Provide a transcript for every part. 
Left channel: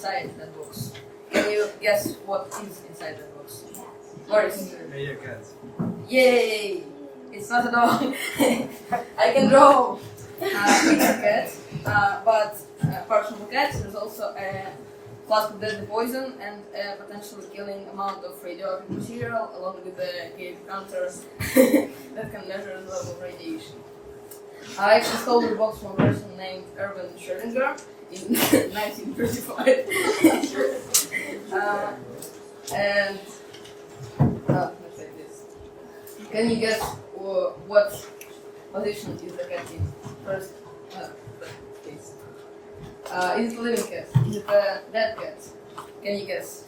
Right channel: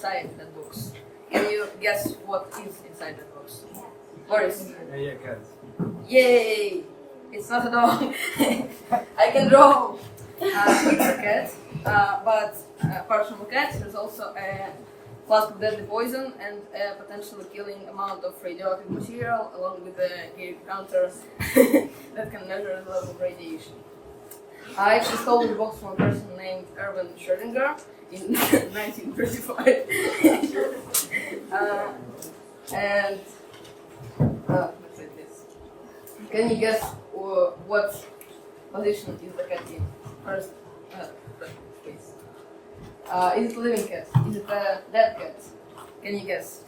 inside that box. Can you guess what is inside that box? Boris? Yeah, cats. Yay! It's not a dog. I can draw. It's a cat, but apart from a cat, there's also a flask of deadly poison and a potentially killing amount of radioactive material, along with a gauge counter that can measure the level of radiation. I actually stole the box from a person named Erwin Schrödinger in 1935. And let's like this. Can you guess what position is the cat in? First case. Is it a living cat? Is it a dead cat? Can you guess?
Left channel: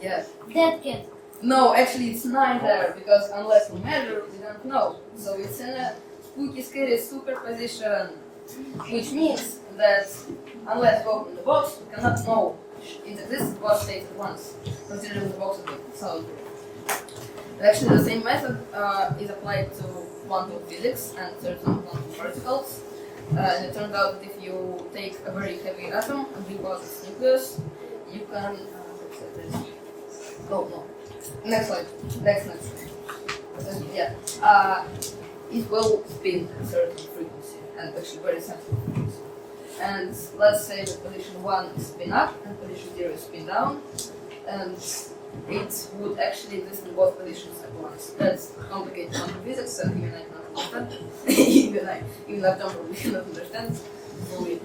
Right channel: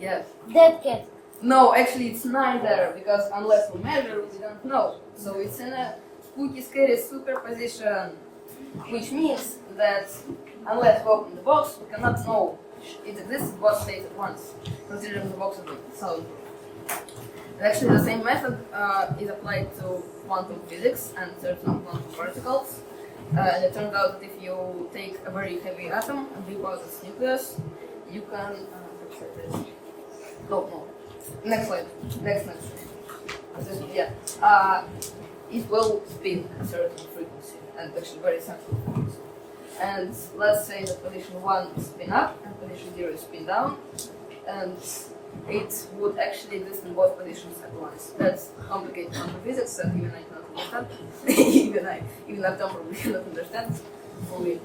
Yes. Dead cat. No, actually it's neither, because unless we measure, we don't know. So it's in a spooky, scary superposition, which means that unless we open the box, we cannot know it exists in both states at once, considering the box is solid. Actually, the same method is applied to quantum physics and certain quantum particles. And it turns out that if you take a very heavy atom and rip out its nucleus, you can. No. Next slide. Next. Yeah. It will spin at a certain frequency, and actually very sensitive frequency. And let's say that position 1 is spin up and position 0 is spin down, and it would actually exist in both positions at once. That's complicated quantum physics, and even I cannot understand. even that number we cannot understand fully.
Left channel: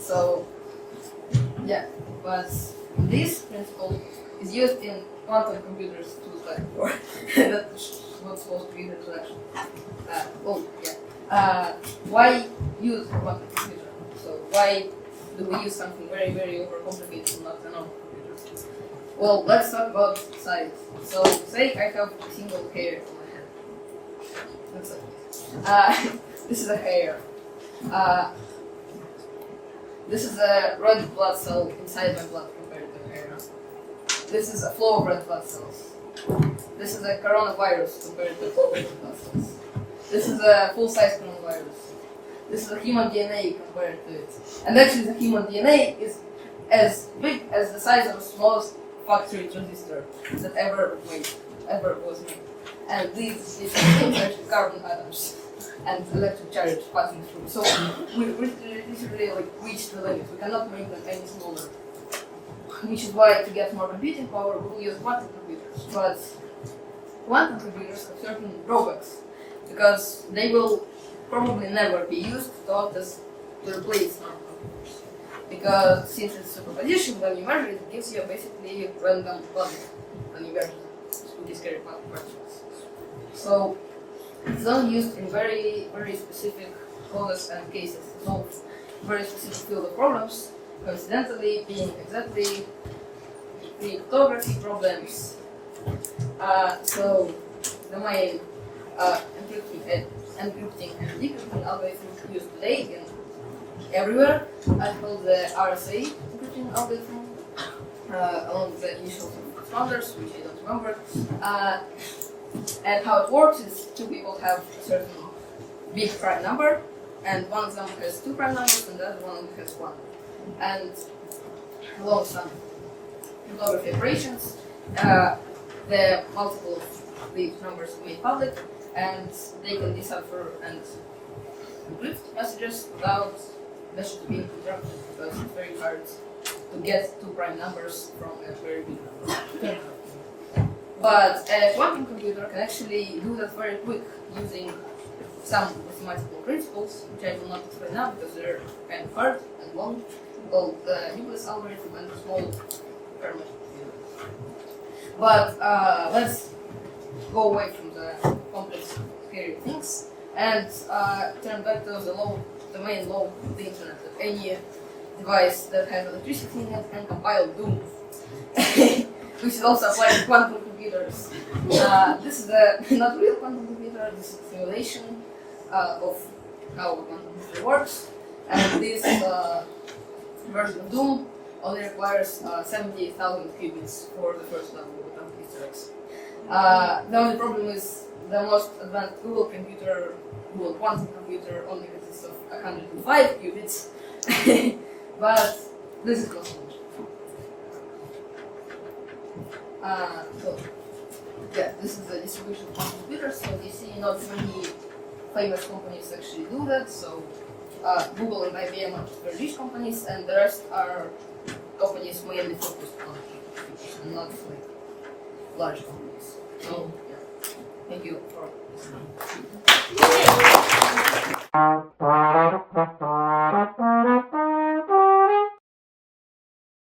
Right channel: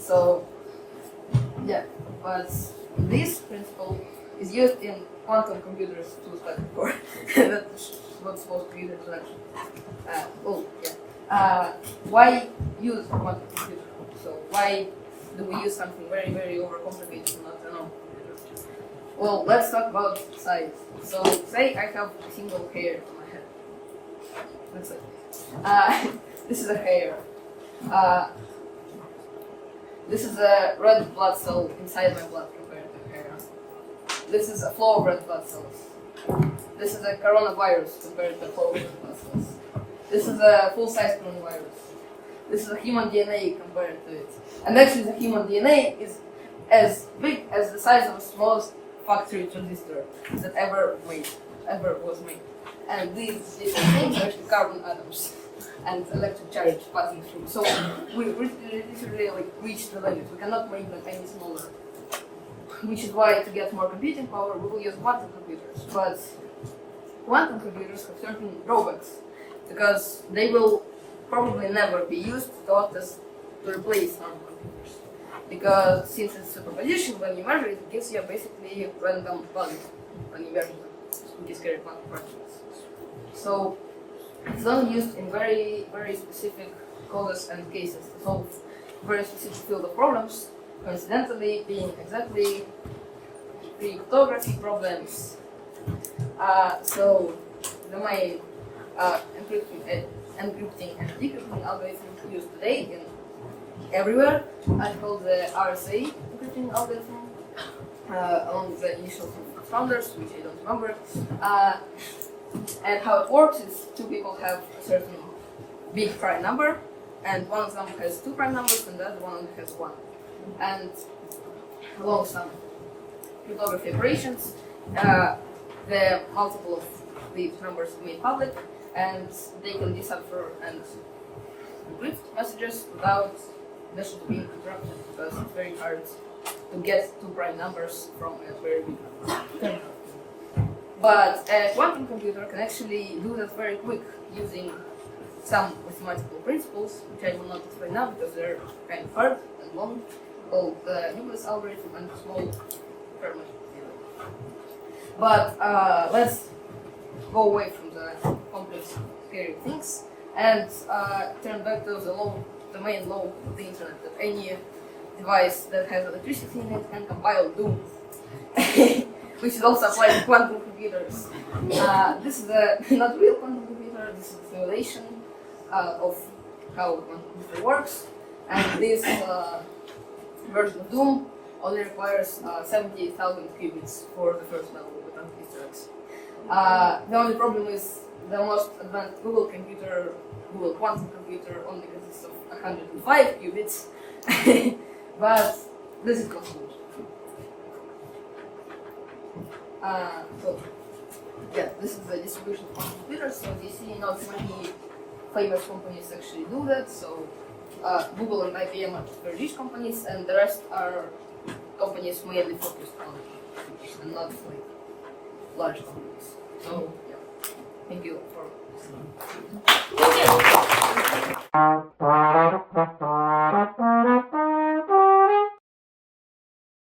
So, yeah, but this principle is used in quantum computers to like before. That's what's supposed to be the introduction. Why use a quantum computer? So why do we use something very, very overcomplicated and not a normal computer? Well, let's talk about size. So say I have a single hair on my head. Looks like this is a hair. This is a red blood cell inside my blood compared to hair. This is a flow of red blood cells. This is a coronavirus compared to a flow of red blood cells. This is a full-size coronavirus. This is a human DNA compared to it. And actually the human DNA is as big as the size of the smallest factory transistor that ever was made. And these different things are actually carbon atoms and electric charge passing through. So we literally like reached the limit. We cannot make them any smaller. Which is why to get more computing power we will use quantum computers. But quantum computers have certain drawbacks, because they will probably never be used to replace normal computers. Because since it's superposition, when you measure it, it gives you basically random values when you measure the scary quantum particles. So it's only used in very, very specific cases and cases to solve very specific field of problems, coincidentally being exactly cryptography problems. So the main encrypting and decrypting algorithms used today in everywhere are called the RSA encrypting algorithm, along with the initial founders, which I don't remember. And how it works is two people have a certain big prime number, and one of them has two prime numbers, and the other one has one. And along some cryptography operations, the multiple of these numbers are made public, and they can decipher and encrypt messages without message being interrupted, because it's very hard to get two prime numbers from a very big number. But a quantum computer can actually do that very quick using some mathematical principles, which I will not explain now because they're kind of hard and long, called the nucleus algorithm and small Fermat. But let's go away from the complex, scary things and turn back to the main law of the internet, that any device that has electricity in it can compile Doom, which is also applied to quantum computers. This is a not real quantum computer, this is a simulation of how a quantum computer works, and this version of Doom only requires 70,000 qubits for the first level of atomic historics. The only problem is the most advanced Google quantum computer only consists of 105 qubits, But this is possible. So yeah, this is the distribution of computers. So you see, not many famous companies actually do that. So Google and IBM are very rich companies, and the rest are companies mainly focused on computers and not like large companies. So yeah, thank you for listening.